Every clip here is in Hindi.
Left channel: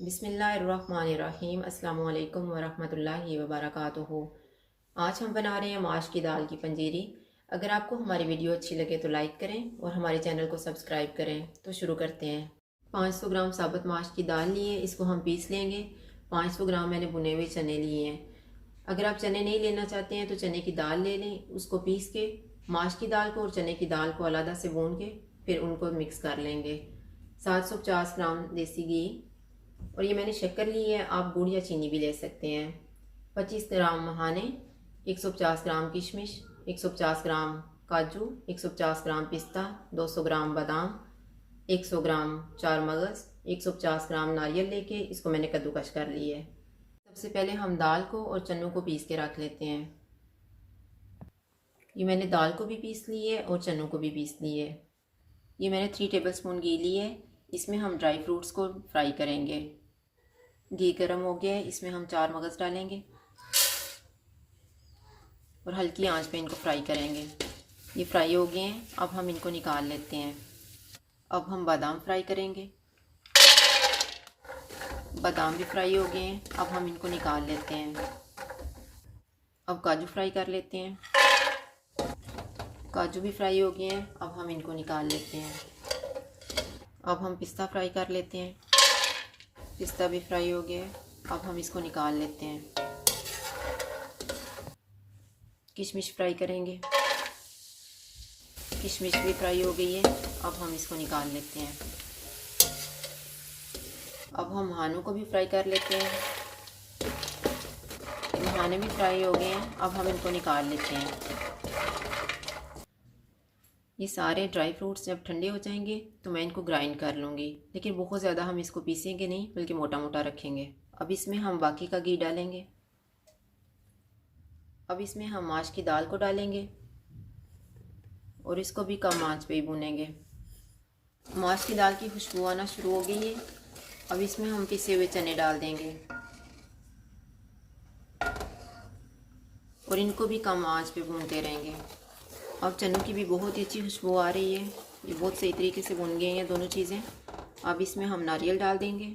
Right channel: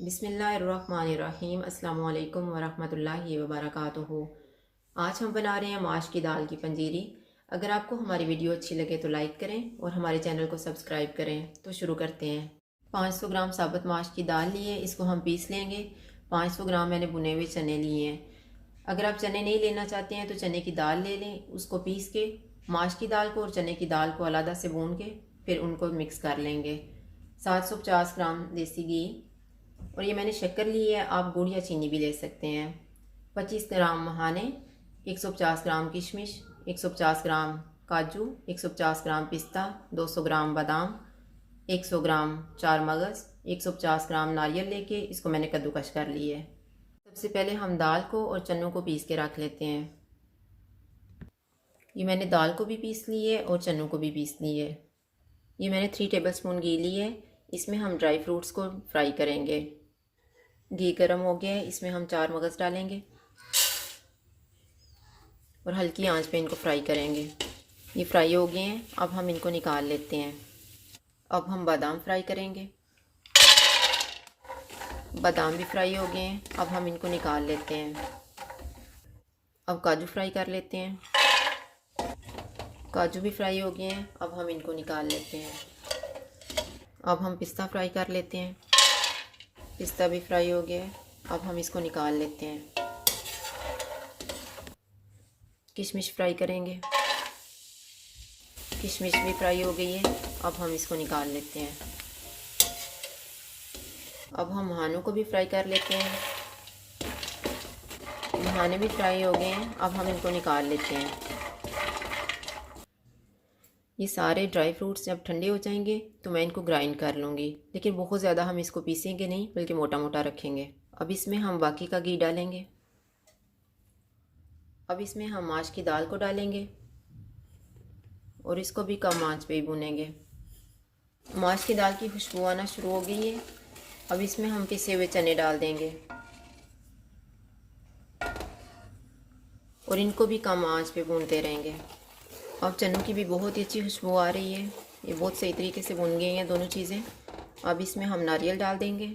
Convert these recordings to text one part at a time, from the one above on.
बिस्मिल्लाहिर्रहमानिर्रहीम अस्सलामु अलैकुम वरहमतुल्लाहि वबरकातुहू। आज हम बना रहे हैं माश की दाल की पंजीरी। अगर आपको हमारी वीडियो अच्छी लगे तो लाइक करें और हमारे चैनल को सब्सक्राइब करें। तो शुरू करते हैं। 500 ग्राम साबुत माश की दाल लिए, इसको हम पीस लेंगे। 500 ग्राम मैंने भुने हुए चने लिए हैं। अगर आप चने नहीं लेना चाहते हैं तो चने की दाल ले लें। उसको पीस के माश की दाल को और चने की दाल को अलग से भून के फिर उनको मिक्स कर लेंगे। 750 ग्राम देसी घी, और ये मैंने शक्कर ली है, आप गुड़ या चीनी भी ले सकते हैं। 25 ग्राम मखाने, 150 ग्राम किशमिश, 150 ग्राम काजू, 150 ग्राम पिस्ता, 200 ग्राम बादाम, 100 ग्राम चार मगज़, 150 ग्राम नारियल लेके इसको मैंने कद्दूकश कर ली है। सबसे पहले हम दाल को और चनों को पीस के रख लेते हैं। ये मैंने दाल को भी पीस ली है और चनों को भी पीस ली है। ये मैंने 3 टेबलस्पून घी ली है। इसमें हम ड्राई फ्रूट्स को फ्राई करेंगे। घी गर्म हो गया है, इसमें हम चार मगज़ डालेंगे और हल्की आंच पे इनको फ्राई करेंगे। ये फ्राई हो गए हैं, अब हम इनको निकाल लेते हैं। अब हम बादाम फ्राई करेंगे। बादाम भी फ्राई हो गए हैं, अब हम इनको निकाल लेते हैं। अब काजू फ्राई कर लेते हैं। काजू भी फ्राई हो गए हैं, अब हम इनको निकाल लेते हैं। अब हम पिस्ता फ्राई कर लेते हैं। पिस्ता भी फ्राई हो गया है, अब हम इसको निकाल लेते हैं। किशमिश फ्राई करेंगे। किशमिश भी फ्राई हो गई है, अब हम इसको निकाल लेते हैं। अब हम मखानों को भी फ्राई कर लेते हैं। मखाने भी फ्राई हो गए हैं, अब हम इनको निकाल लेते हैं। ये सारे ड्राई फ्रूट्स जब ठंडे हो जाएंगे तो मैं इनको ग्राइंड कर लूँगी, लेकिन बहुत ज़्यादा हम इसको पीसेंगे नहीं, बल्कि मोटा मोटा रखेंगे। अब इसमें हम बाकी का घी डालेंगे। अब इसमें हम माश की दाल को डालेंगे और इसको भी कम आंच पे ही भूनेंगे। माश की दाल की खुशबू आना शुरू हो गई है। अब इसमें हम पिसे हुए चने डाल देंगे और इनको भी कम आंच पे भूनते रहेंगे। अब चनों की भी बहुत ही अच्छी खुशबू आ रही है, ये बहुत सही तरीके से भून गई हैं दोनों चीज़ें। अब इसमें हम नारियल डाल देंगे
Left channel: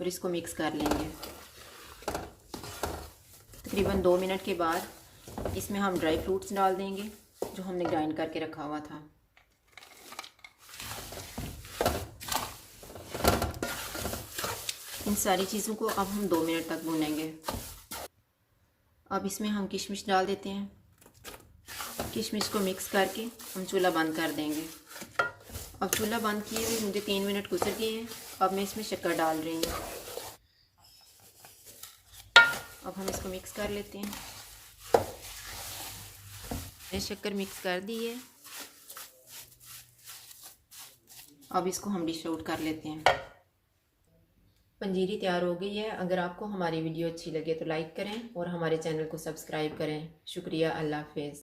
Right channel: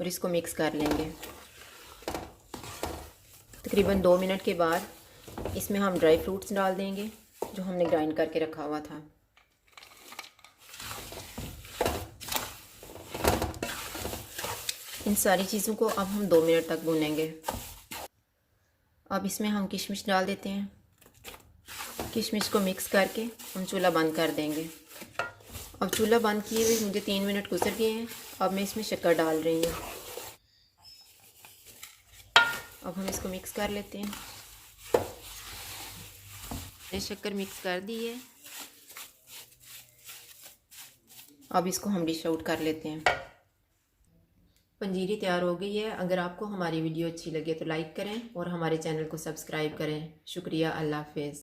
और इसको मिक्स कर लेंगे। तकरीबन 2 मिनट के बाद इसमें हम ड्राई फ्रूट्स डाल देंगे जो हमने ग्राइंड करके रखा हुआ था। इन सारी चीज़ों को अब हम 2 मिनट तक भूनेंगे। अब इसमें हम किशमिश डाल देते हैं। किशमिश को मिक्स करके हम चूल्हा बंद कर देंगे। अब चूल्हा बंद किए हुए मुझे 3 मिनट गुजर गए हैं। अब मैं इसमें शक्कर डाल रही हूँ। अब हम इसको मिक्स कर लेते हैं। मैंने शक्कर मिक्स कर दी है। अब इसको हम डिश आउट कर लेते हैं। पंजीरी तैयार हो गई है। अगर आपको हमारी वीडियो अच्छी लगे तो लाइक करें और हमारे चैनल को सब्सक्राइब करें। शुक्रिया। अल्लाह हाफिज़।